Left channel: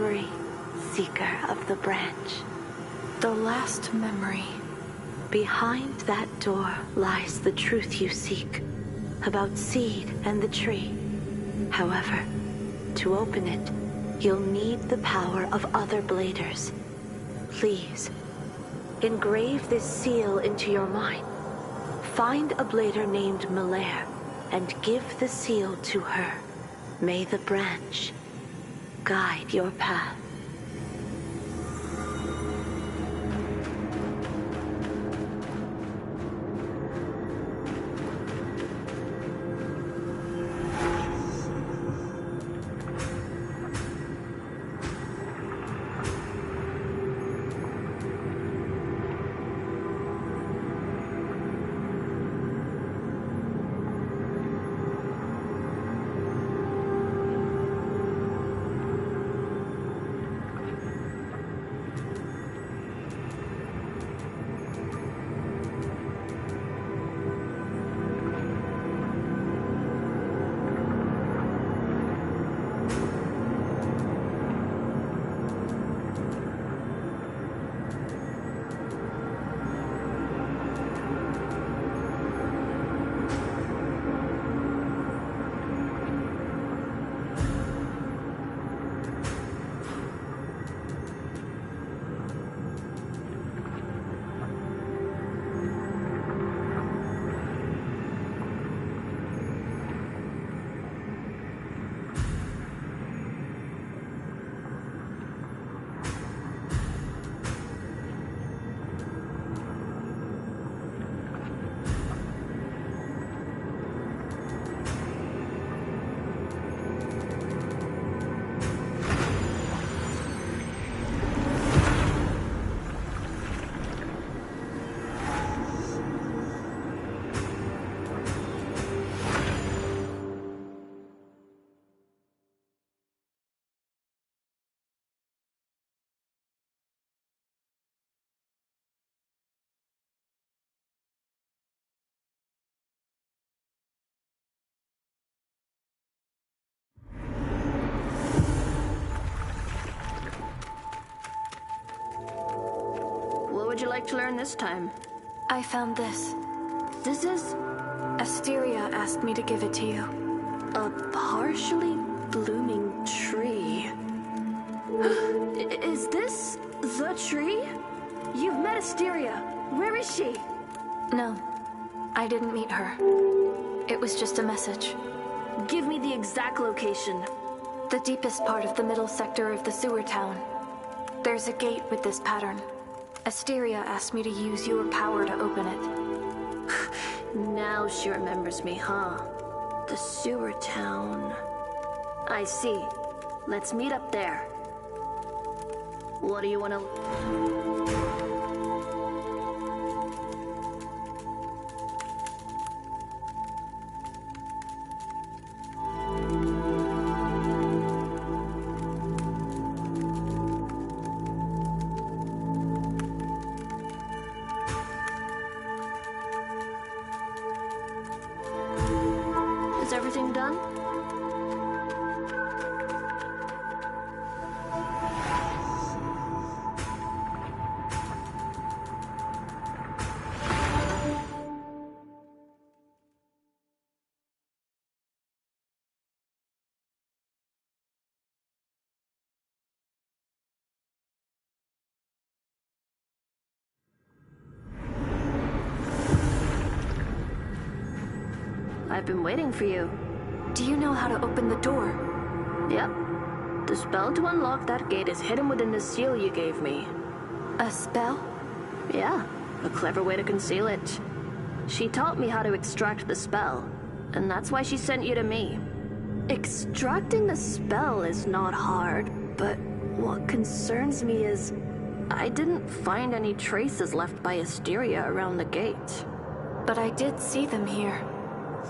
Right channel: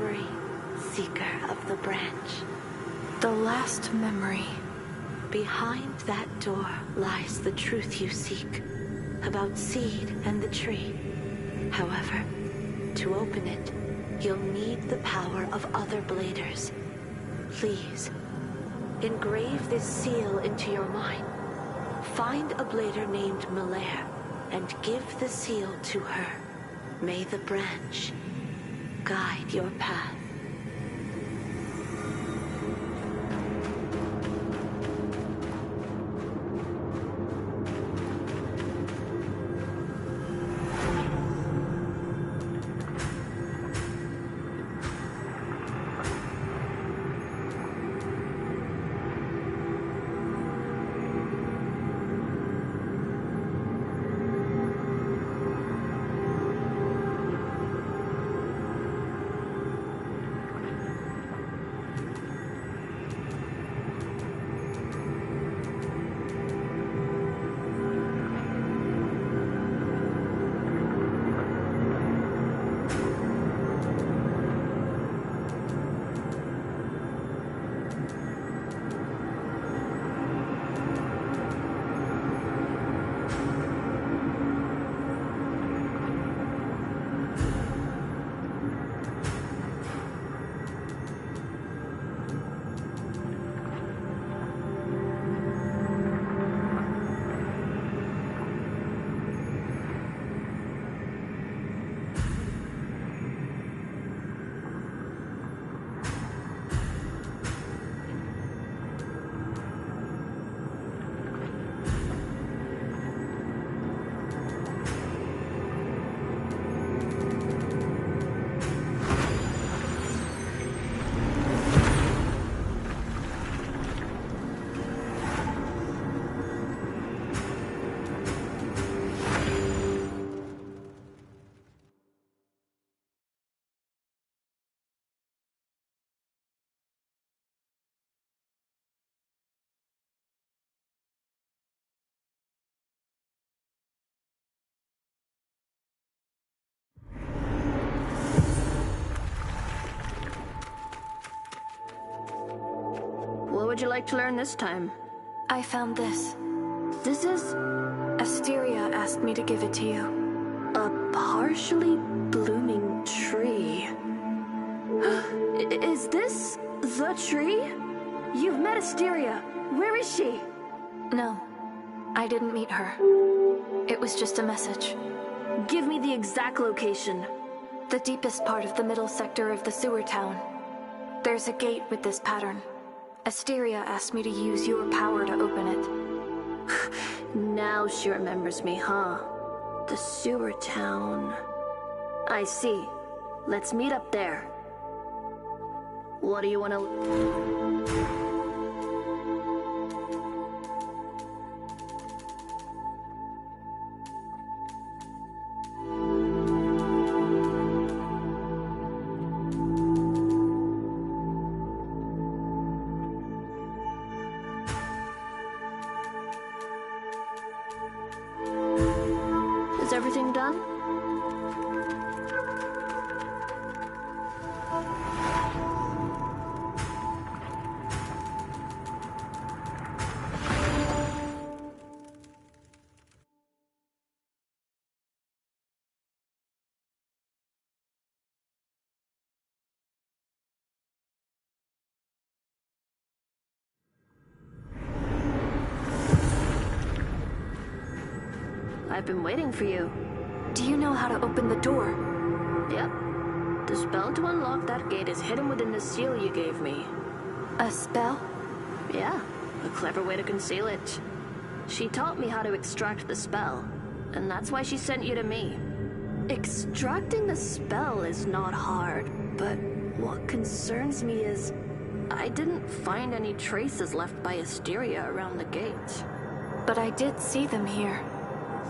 memory, Seeker of the Branch. The last memory. Behind that door lies the truth you seek, about Seed and the tree. However, to open it, you'll need the power of other Bladers. Please, engrave this seal into your mind. Find a Blader named Malaire, and give the seal to her. May the branch guide your path. What would you like to learn this time? I found this. This is Asteria asked me to give it to you. a partially blooming tree. Is this the tree? You've met Asteria. Where is she? No, I didn't meet her. It was just a message. Give me the exact location. The deepest part of the middle sector of the sewer town. There's a gate with this pattern. Asteria asked me to use your power to open it. Now she remembers me, huh? The sewer town. I see. Let's meet up there. What do you want to... Is everything done? I've been waiting for you. Do you know how to open the door? Yep. The spell to unlock that gate is hidden within the seal you gave me. A spell? Yeah, a clever way to conceal it. She taught me how to extract the spell, and that's why she sent you to me. Extracting the spell is not hard, but what concerns me is I didn't find any traces left by Asteria around the gate. But I did see them here.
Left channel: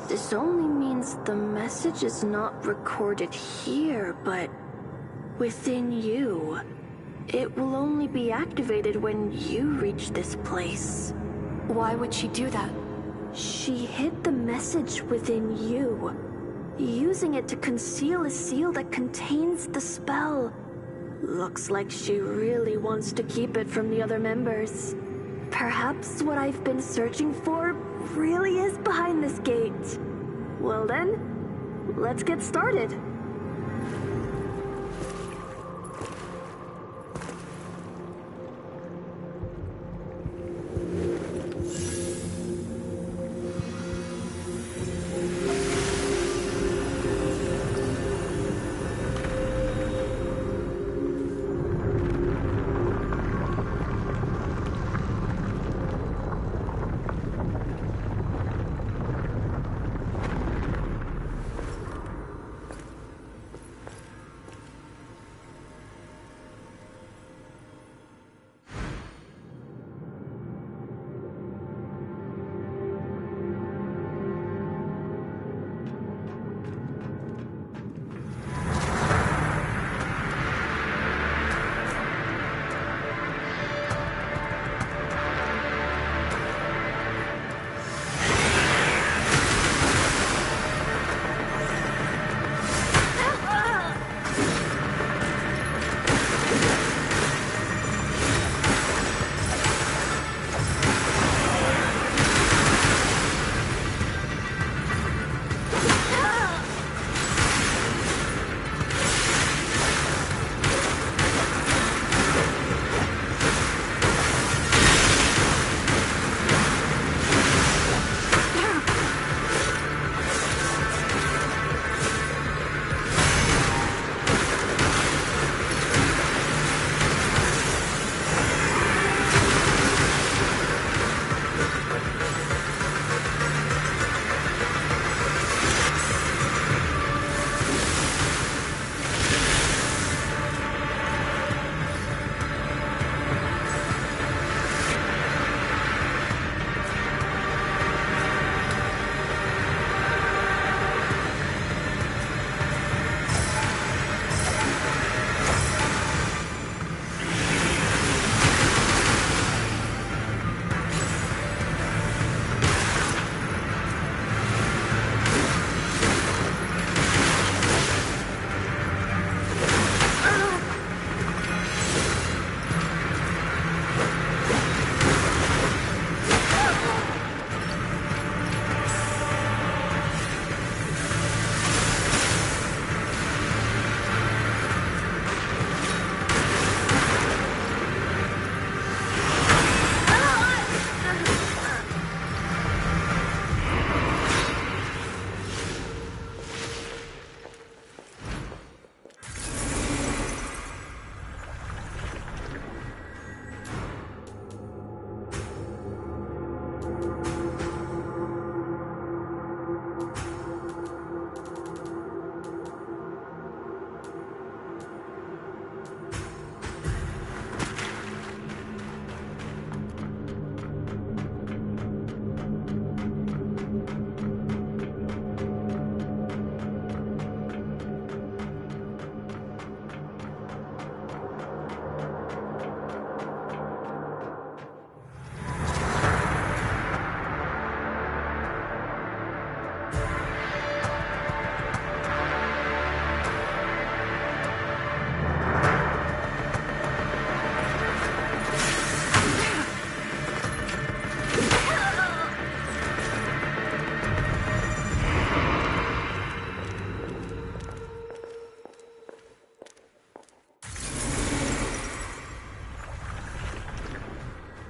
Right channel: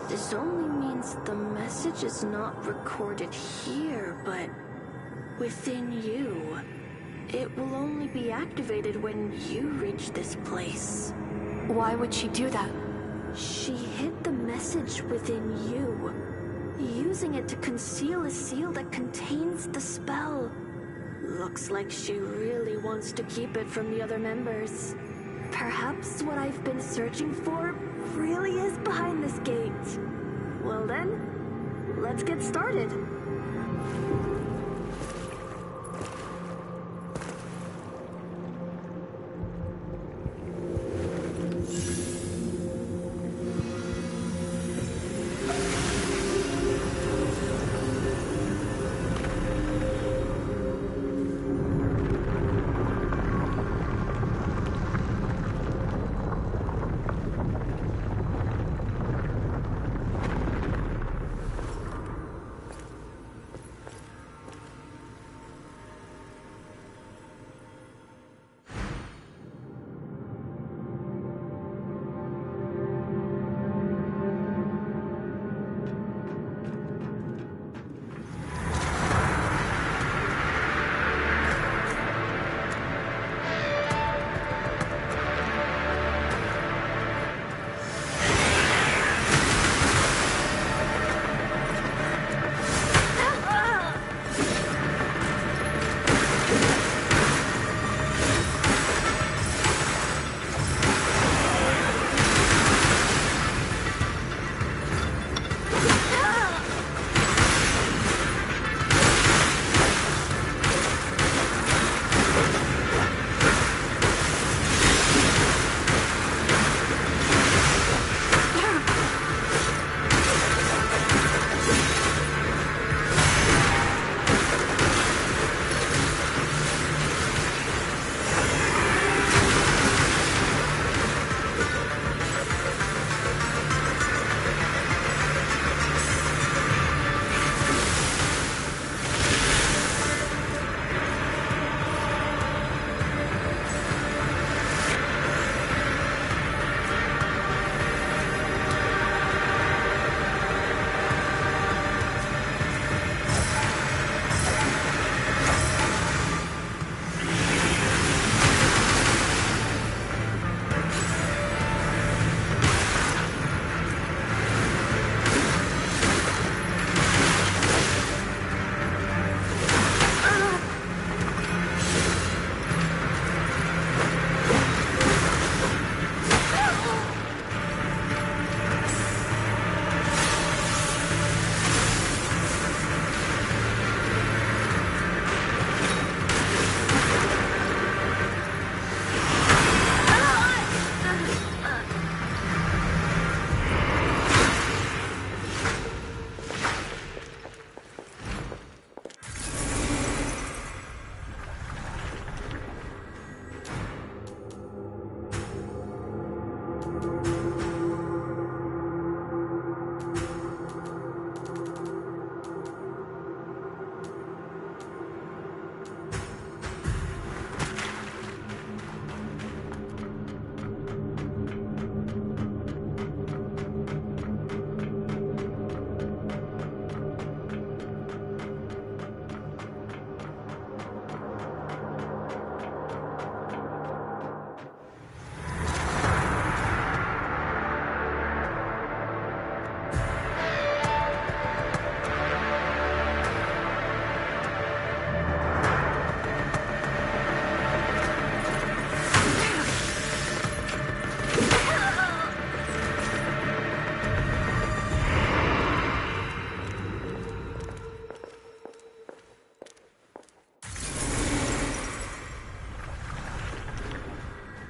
This only means the message is not recorded here, but within you. It will only be activated when you reach this place. Why would she do that? She hid the message within you, using it to conceal a seal that contains the spell. Looks like she really wants to keep it from the other members. Perhaps what I've been searching for really is behind this gate. Well then, let's get started.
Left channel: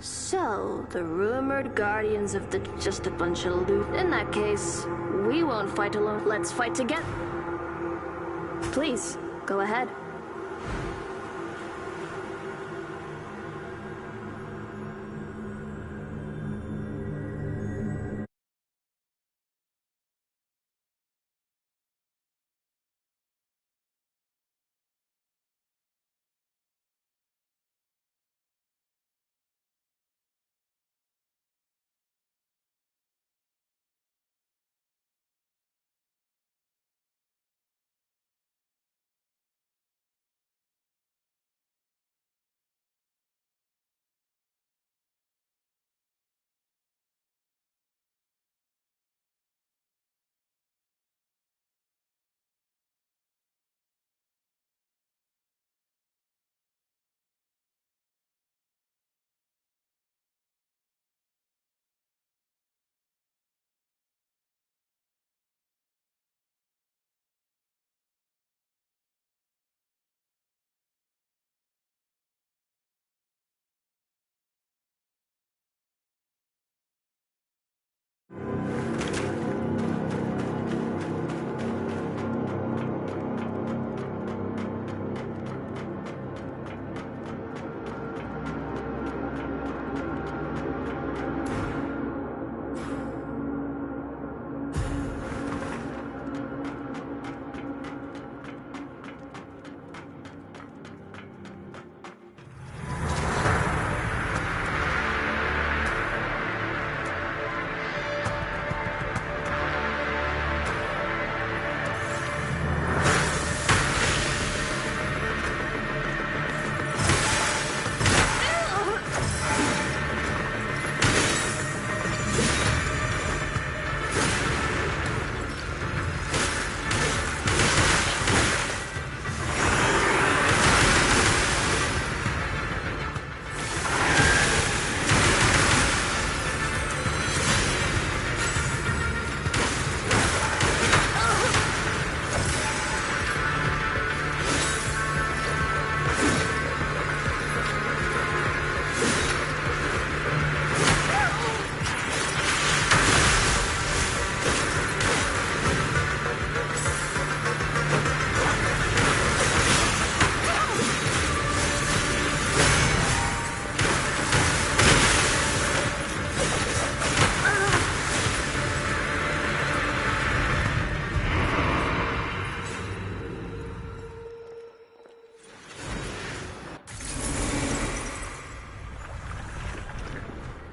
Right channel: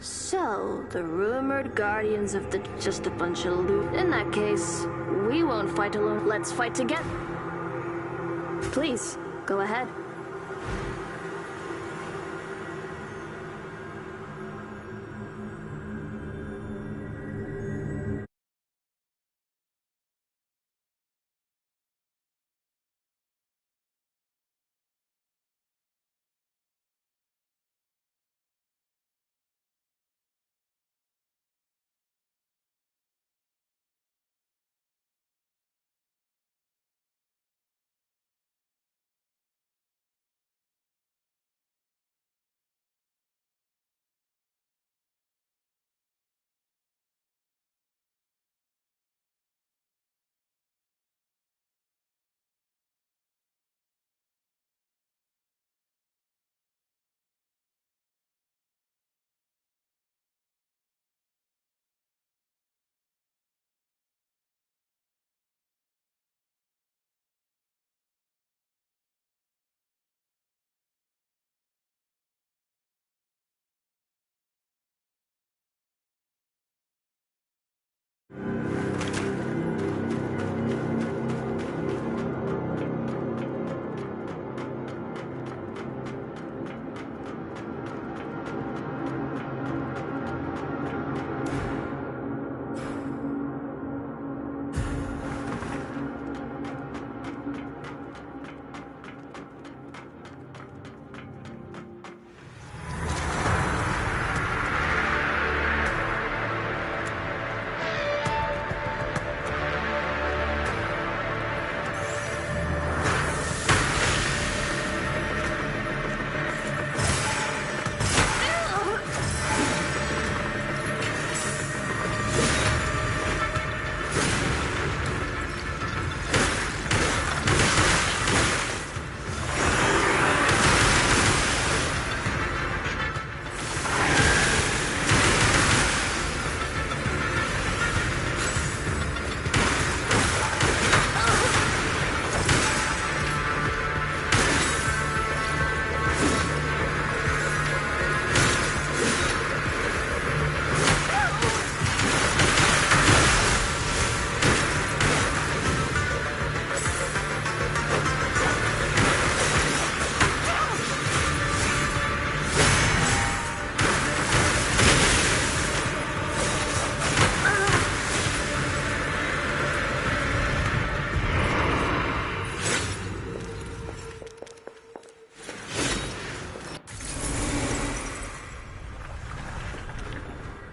So, the rumored guardians of the just a bunch of loot. In that case, we won't fight alone. Let's fight together. Please, go ahead.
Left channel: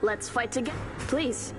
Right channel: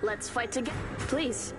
Let's fight together. Please.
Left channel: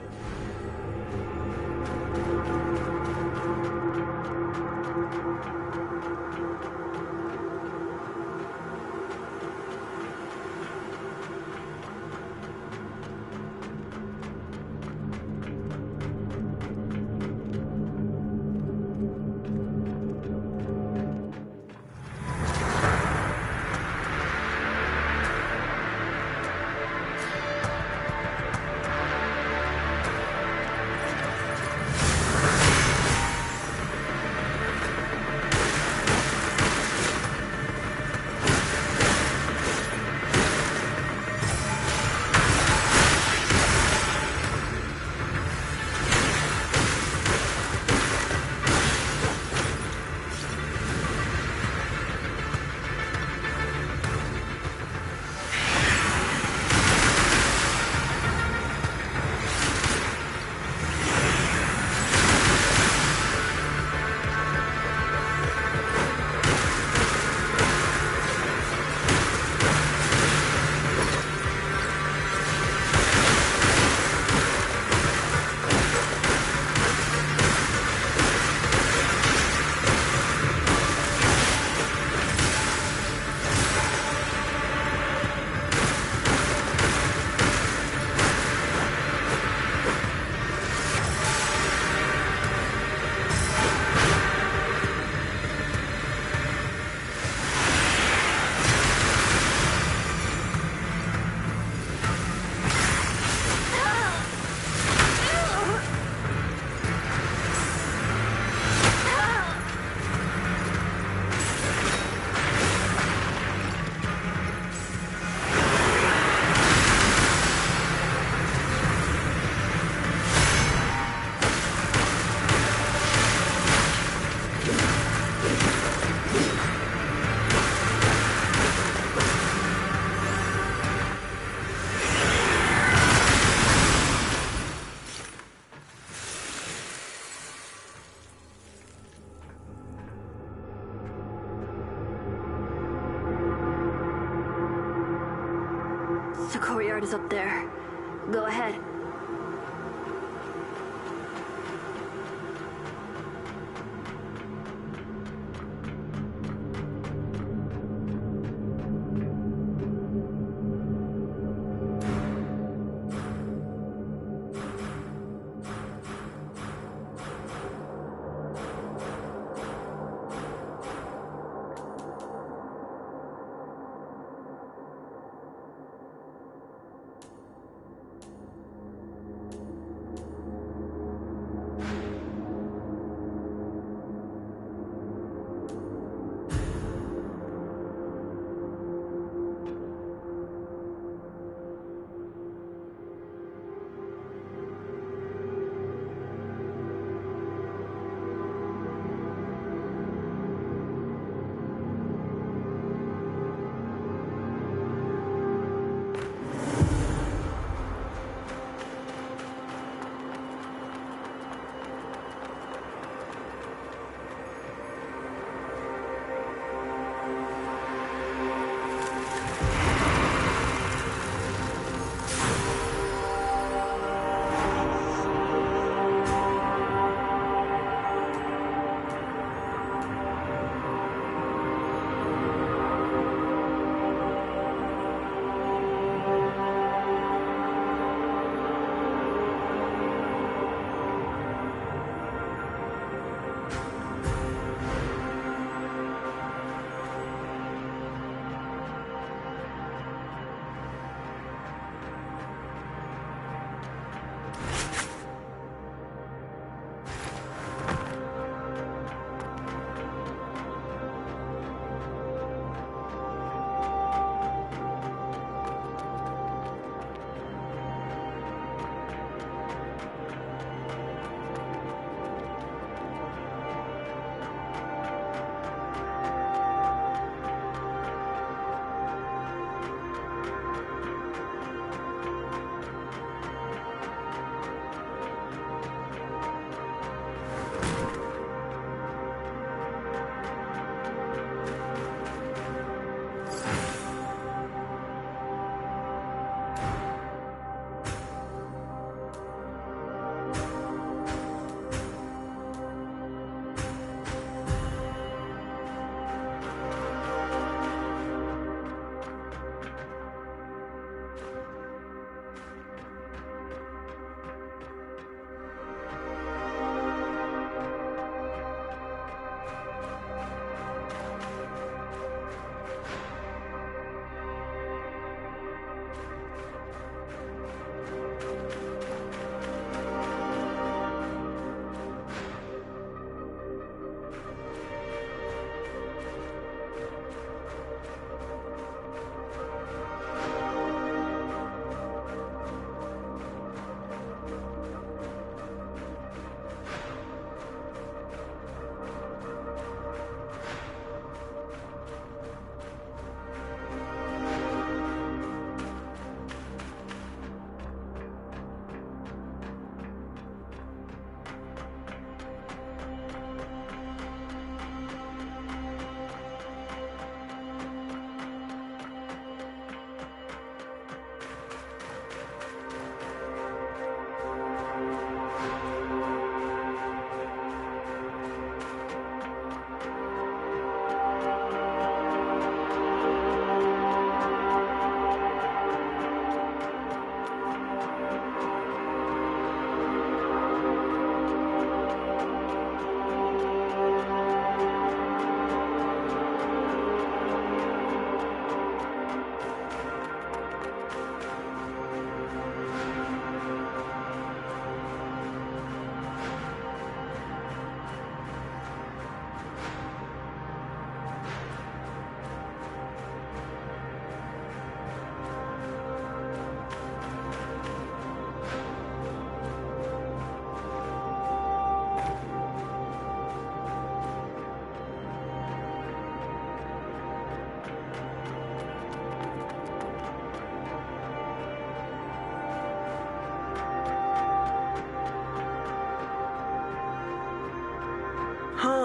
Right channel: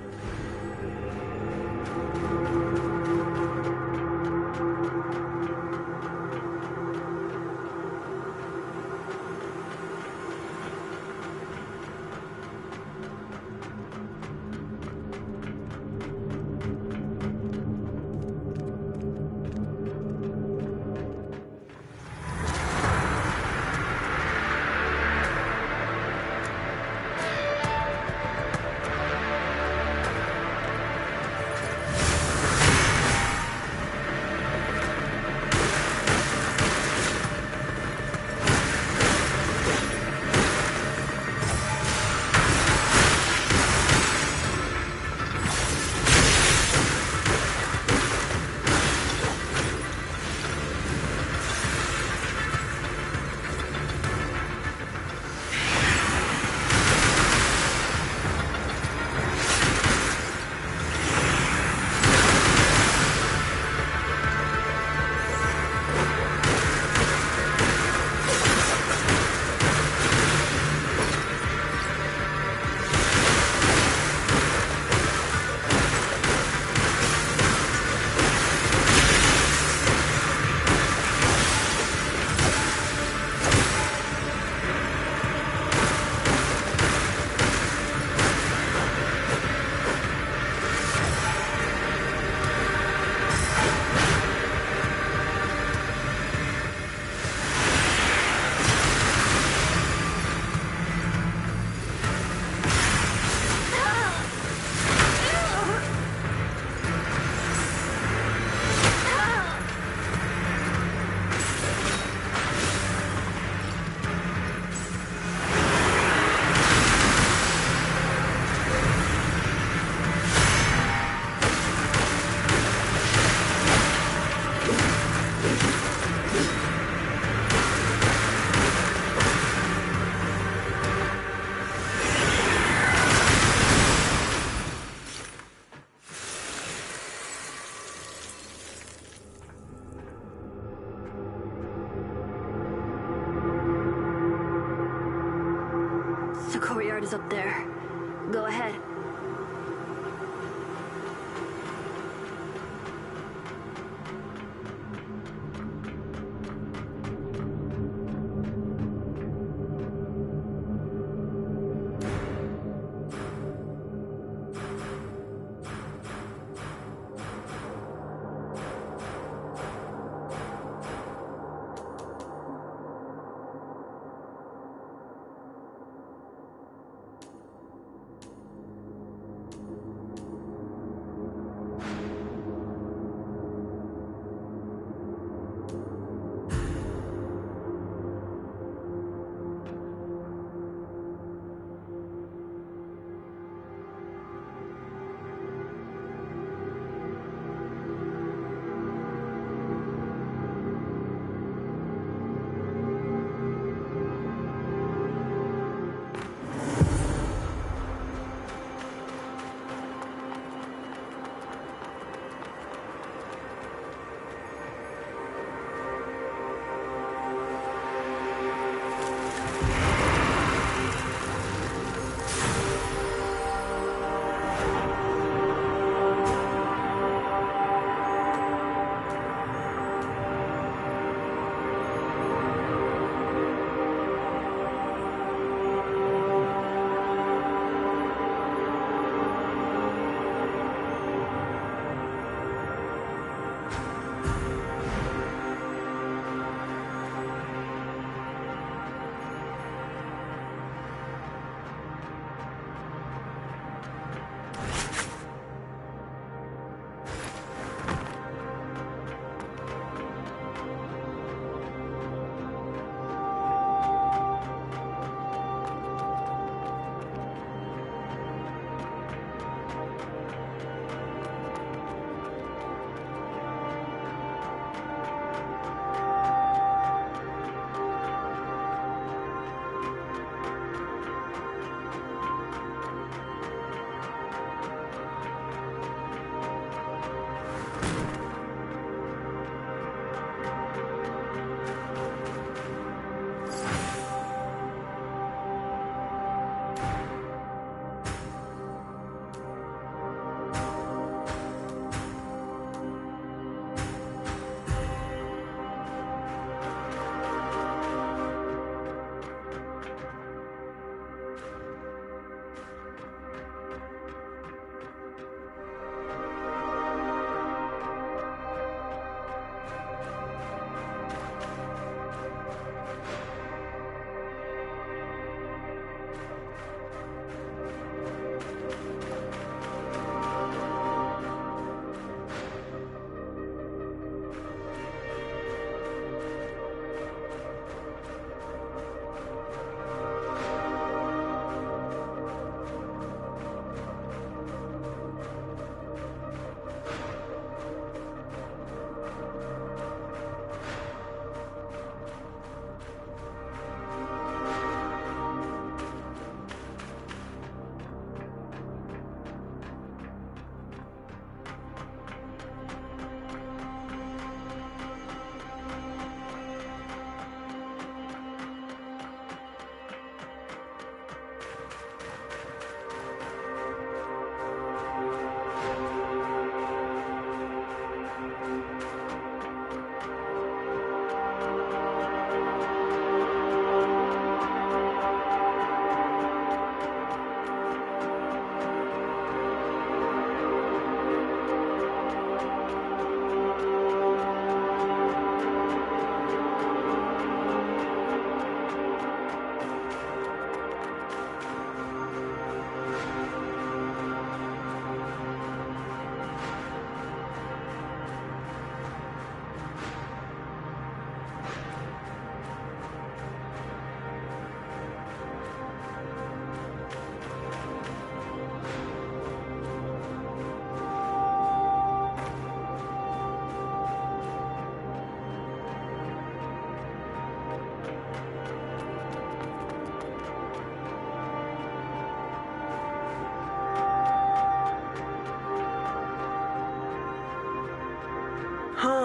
The courtyard is up there. Go ahead.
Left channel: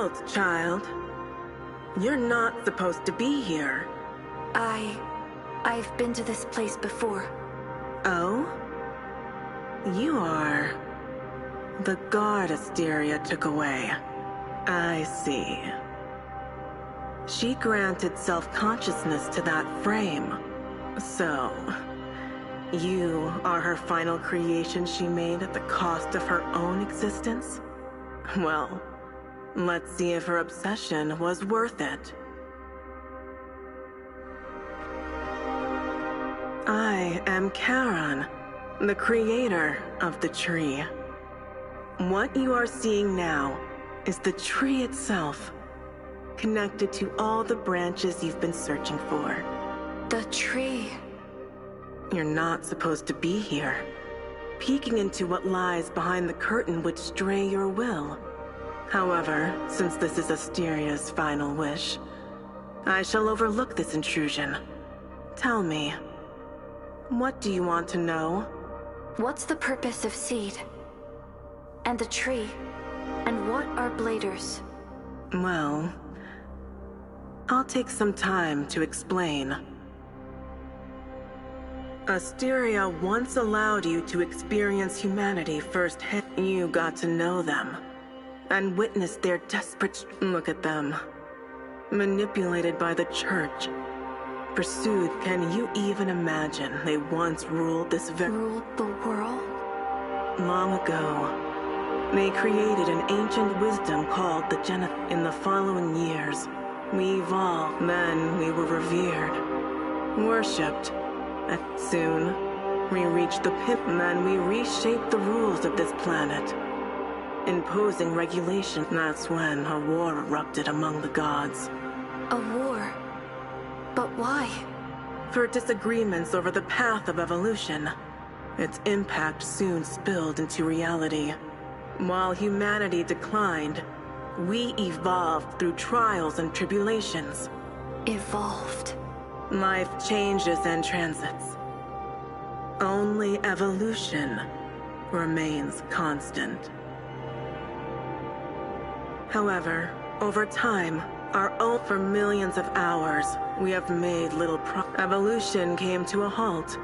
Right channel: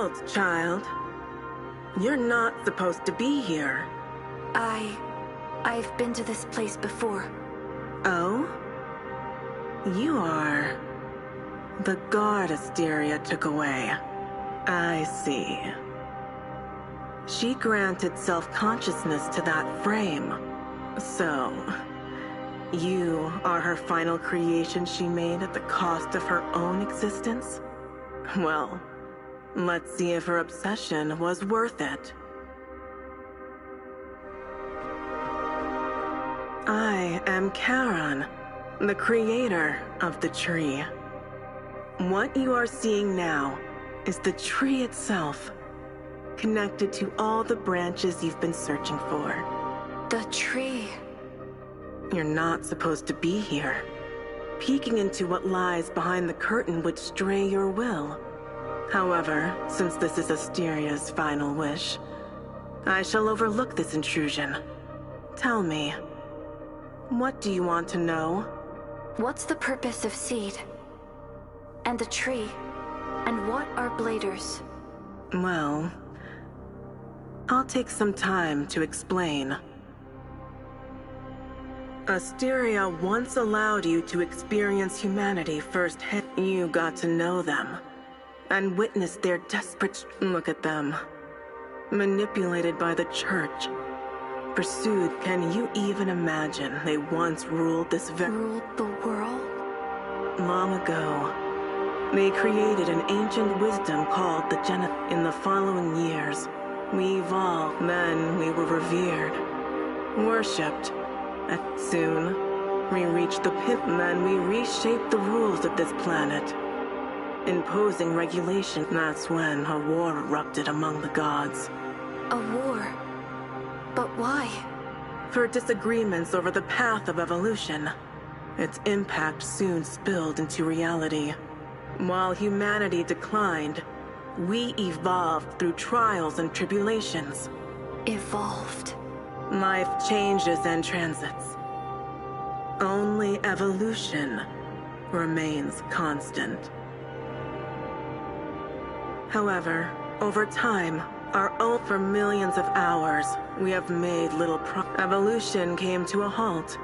Halt, child. You're not supposed to be here. I've been to this place before. Oh? You are... the guard Asteria took away. I see. She granted self-consciousness to that frame. So... you are her final creation she made at the cost of her own existence? Well, let's see if her obsession was worth it. I am Charon, the creator of the tree. What you are seeing now is the tree itself, connected to all the branches you've been searching for. The tree. You're not supposed to be here. Peeking into what lies behind the curtain would stray your will. However, since this is Asteria's final wish, I shall overlook this intrusion. Tell me, what do you want to know? What's the purpose of Seed? And the tree? And what are bladers? Well, I'll take some time to explain. Asteria once allowed you to experience humanity firsthand. You got to know them, and witnessed their desperate... Look at them. Manipulated by the Church. Pursued, can you even imagine they once ruled this Ruled the world? Long ago, they created an ancient wisdom called the Genesis. In the following years, we evolved, then we were revered, worshipped. And soon, we reached the pit, and then we reshaped the rules of this planet, imposing regulation. That's when a war erupted among the gods. A war? But why? For disagreements over the path of evolution. Its impact soon spilled into reality. While humanity declined, we evolved through trials and tribulations. Evolved. Life changes and transits. Only evolution remains constant. However, over time, for millions of hours, we have made little Evolution came to a halt,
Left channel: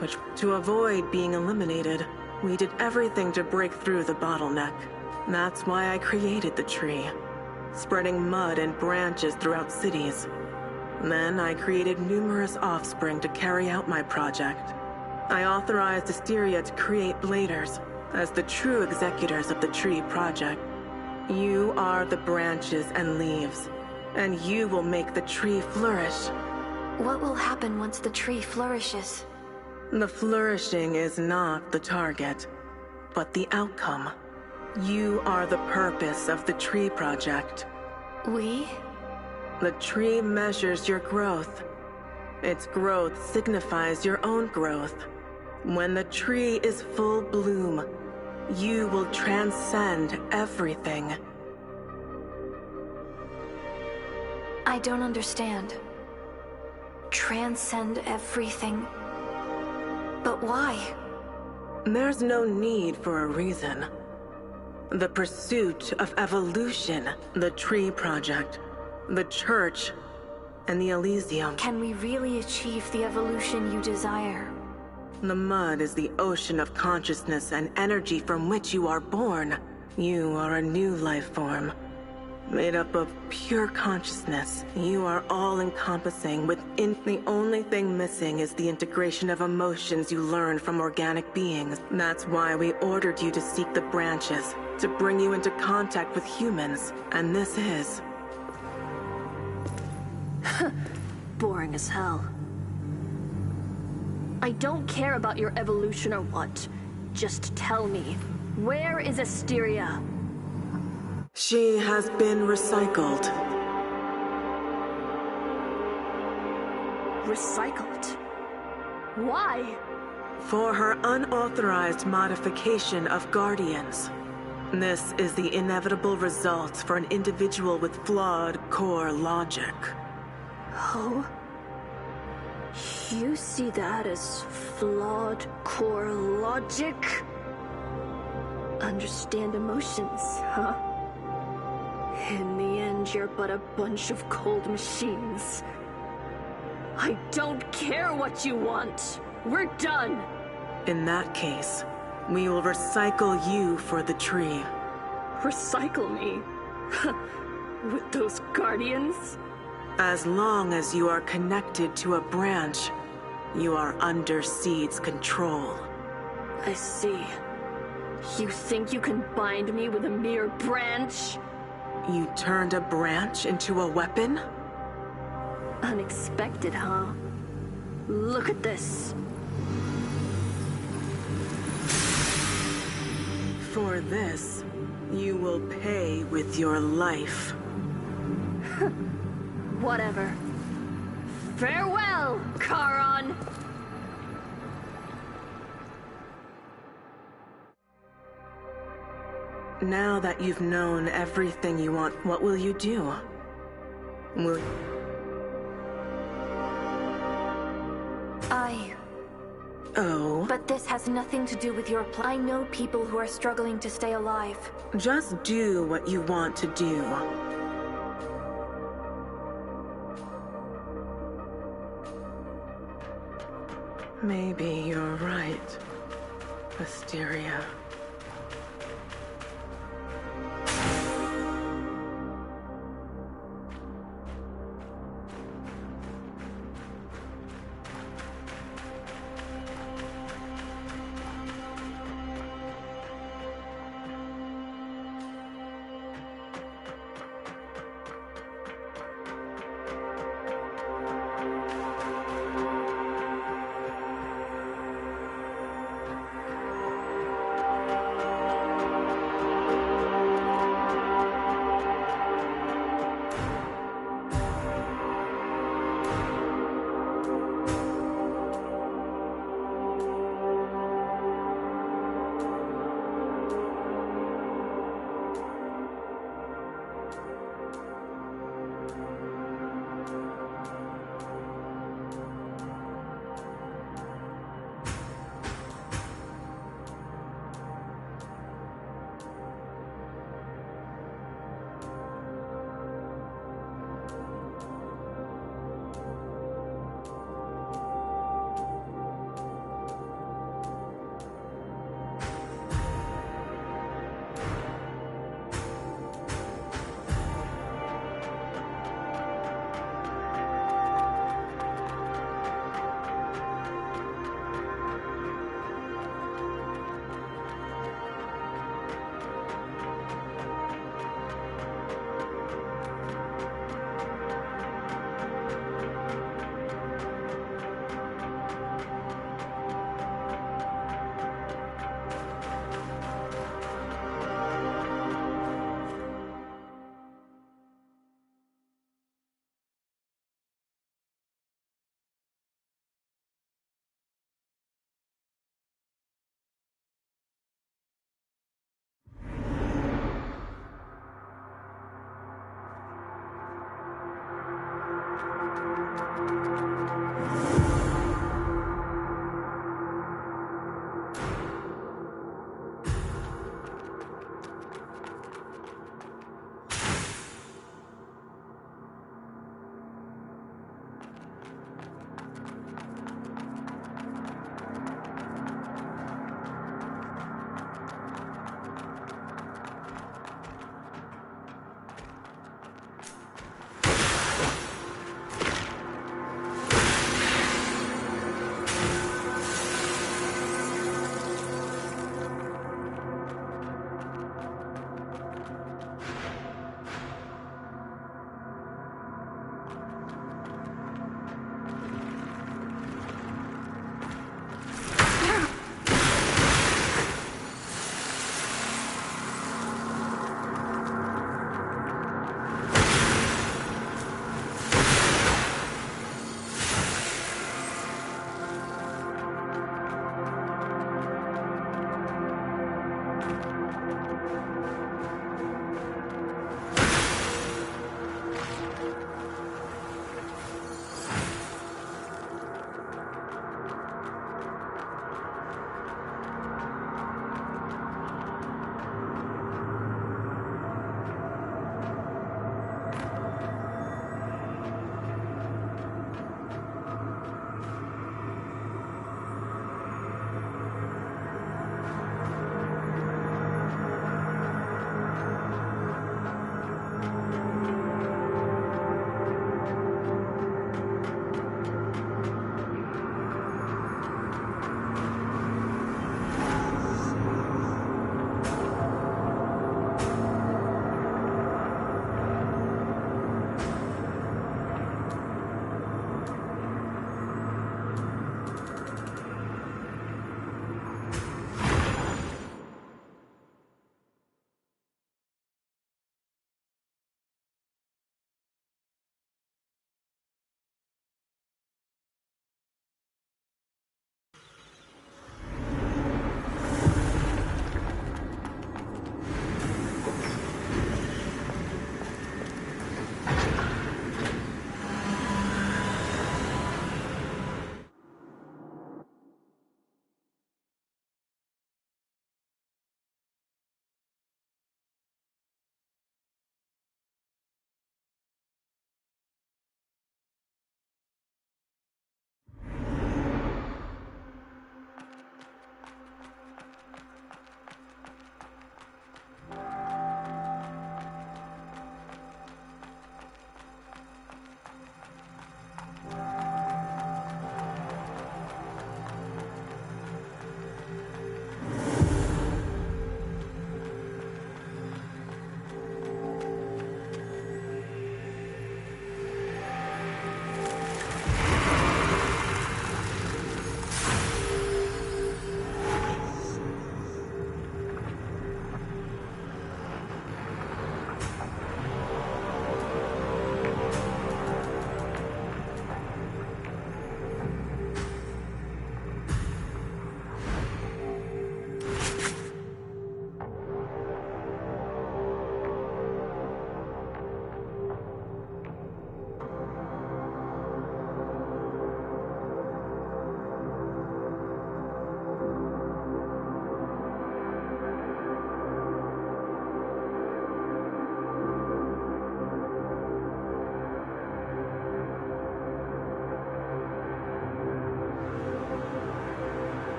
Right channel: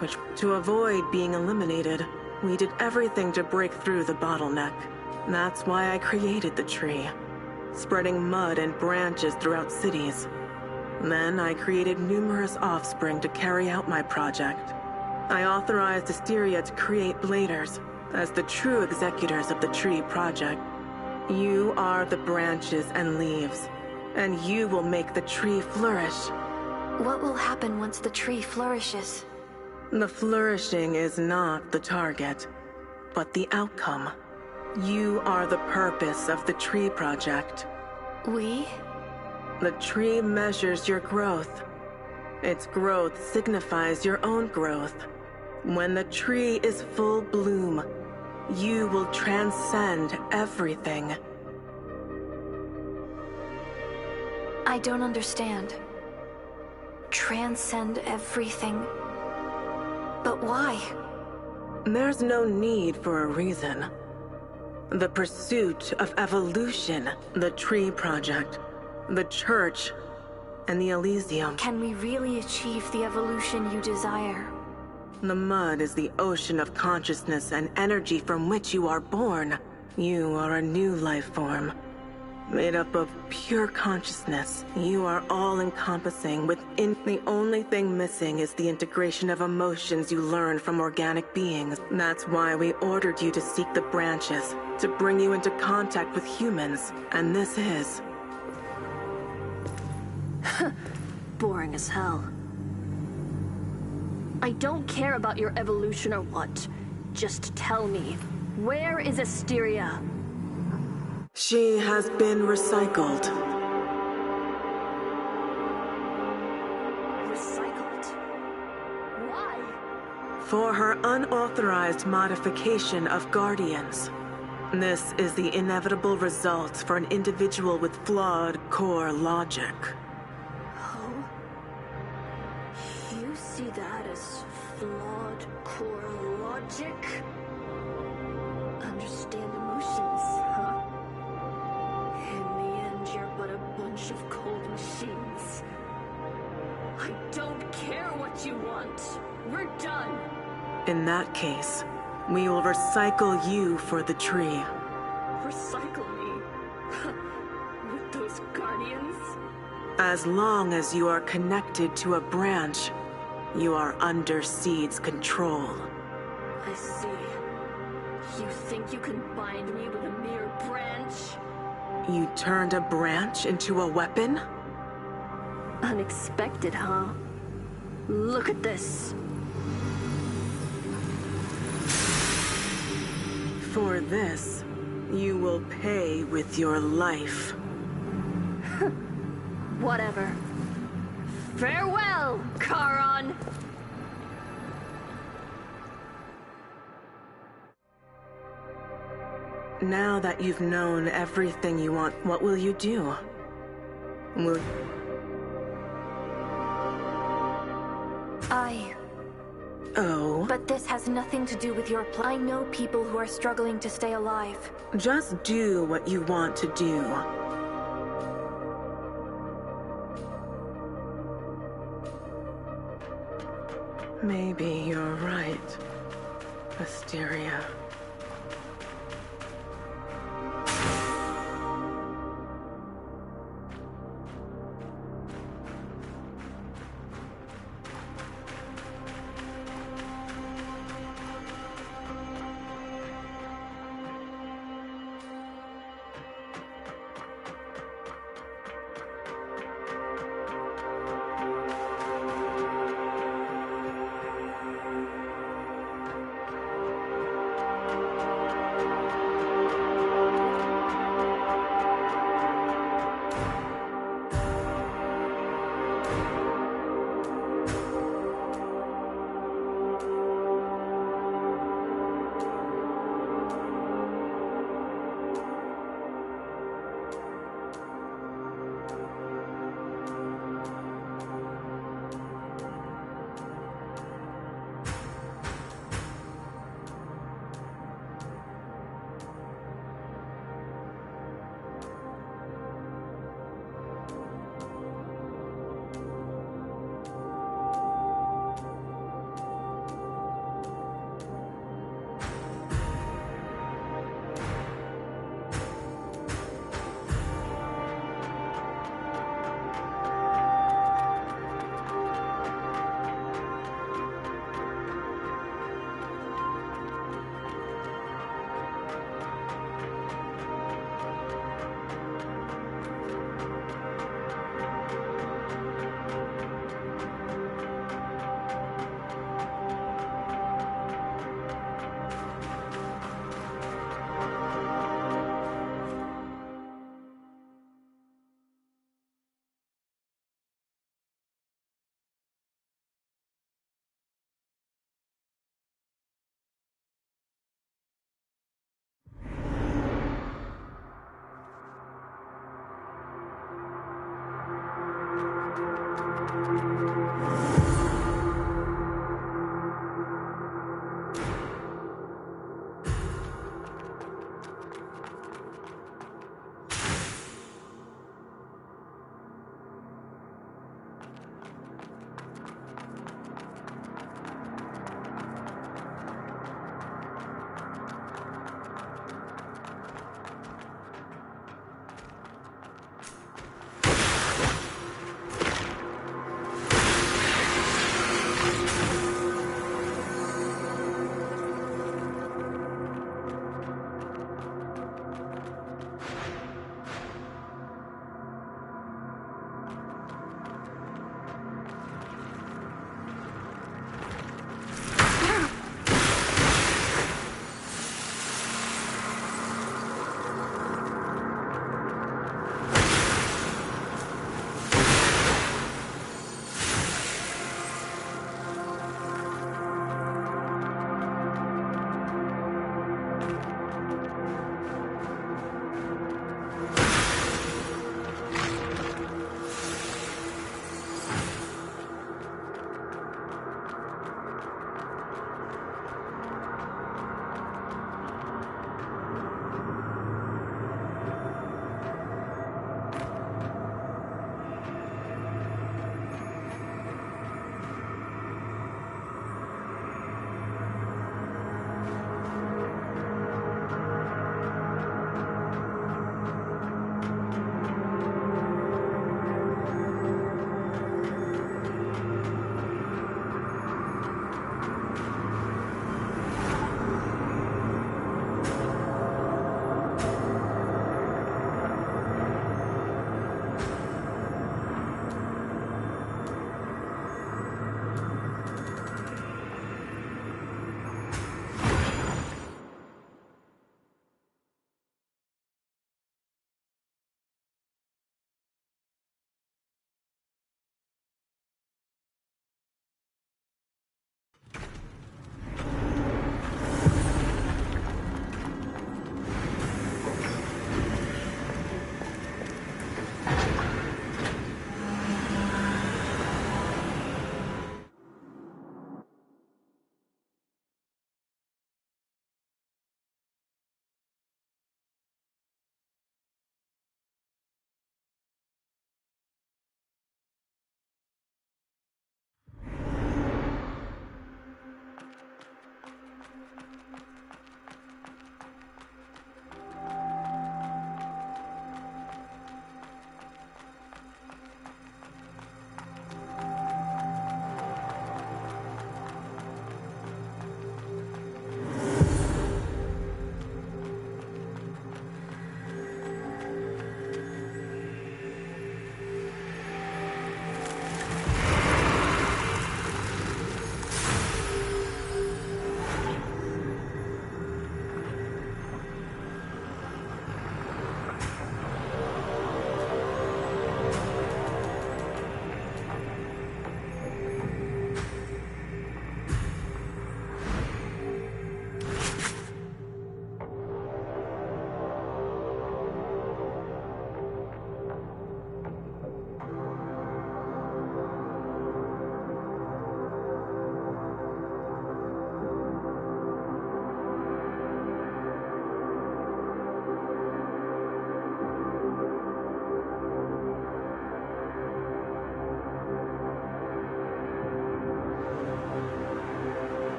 which, to avoid being eliminated, we did everything to break through the bottleneck. That's why I created the tree, spreading mud and branches throughout cities. Then I created numerous offspring to carry out my project. I authorized Asteria to create Bladers as the true executors of the tree project. You are the branches and leaves, and you will make the tree flourish. What will happen once the tree flourishes? The flourishing is not the target, but the outcome. You are the purpose of the tree project. We? The tree measures your growth. Its growth signifies your own growth. When the tree is full bloom, you will transcend everything. I don't understand. Transcend everything? But why? There's no need for a reason. The pursuit of evolution, the tree project, the Church, and the Elysium. Can we really achieve the evolution you desire? The mud is the ocean of consciousness and energy from which you are born. You are a new life form, made up of pure consciousness. You are all-encompassing within. The only thing missing is the integration of emotions you learn from organic beings. That's why we ordered you to seek the branches, to bring you into contact with humans. And this is... Boring as hell. I don't care about your evolution or what. Just tell me, where is Asteria? She has been recycled. Recycled? Why? For her unauthorized modification of Guardians. This is the inevitable result for an individual with flawed core logic. Oh? You see that as flawed core logic? Understand emotions, huh? and you're but a bunch of cold machines. I don't care what you want. We're done. In that case, we will recycle you for the tree. Recycle me? With those guardians? As long as you are connected to a branch, you are under Seed's control. I see. You think you can bind me with a mere branch? You turned a branch into a weapon? Unexpected, huh? Look at this. For this, you will pay with your life. Whatever. Farewell, Charon! Now that you've known everything you want, what will you do? Will... Oh? But this has nothing to do with your plan. I know people who are struggling to stay alive. Just do what you want to do. Maybe you're right, Asteria.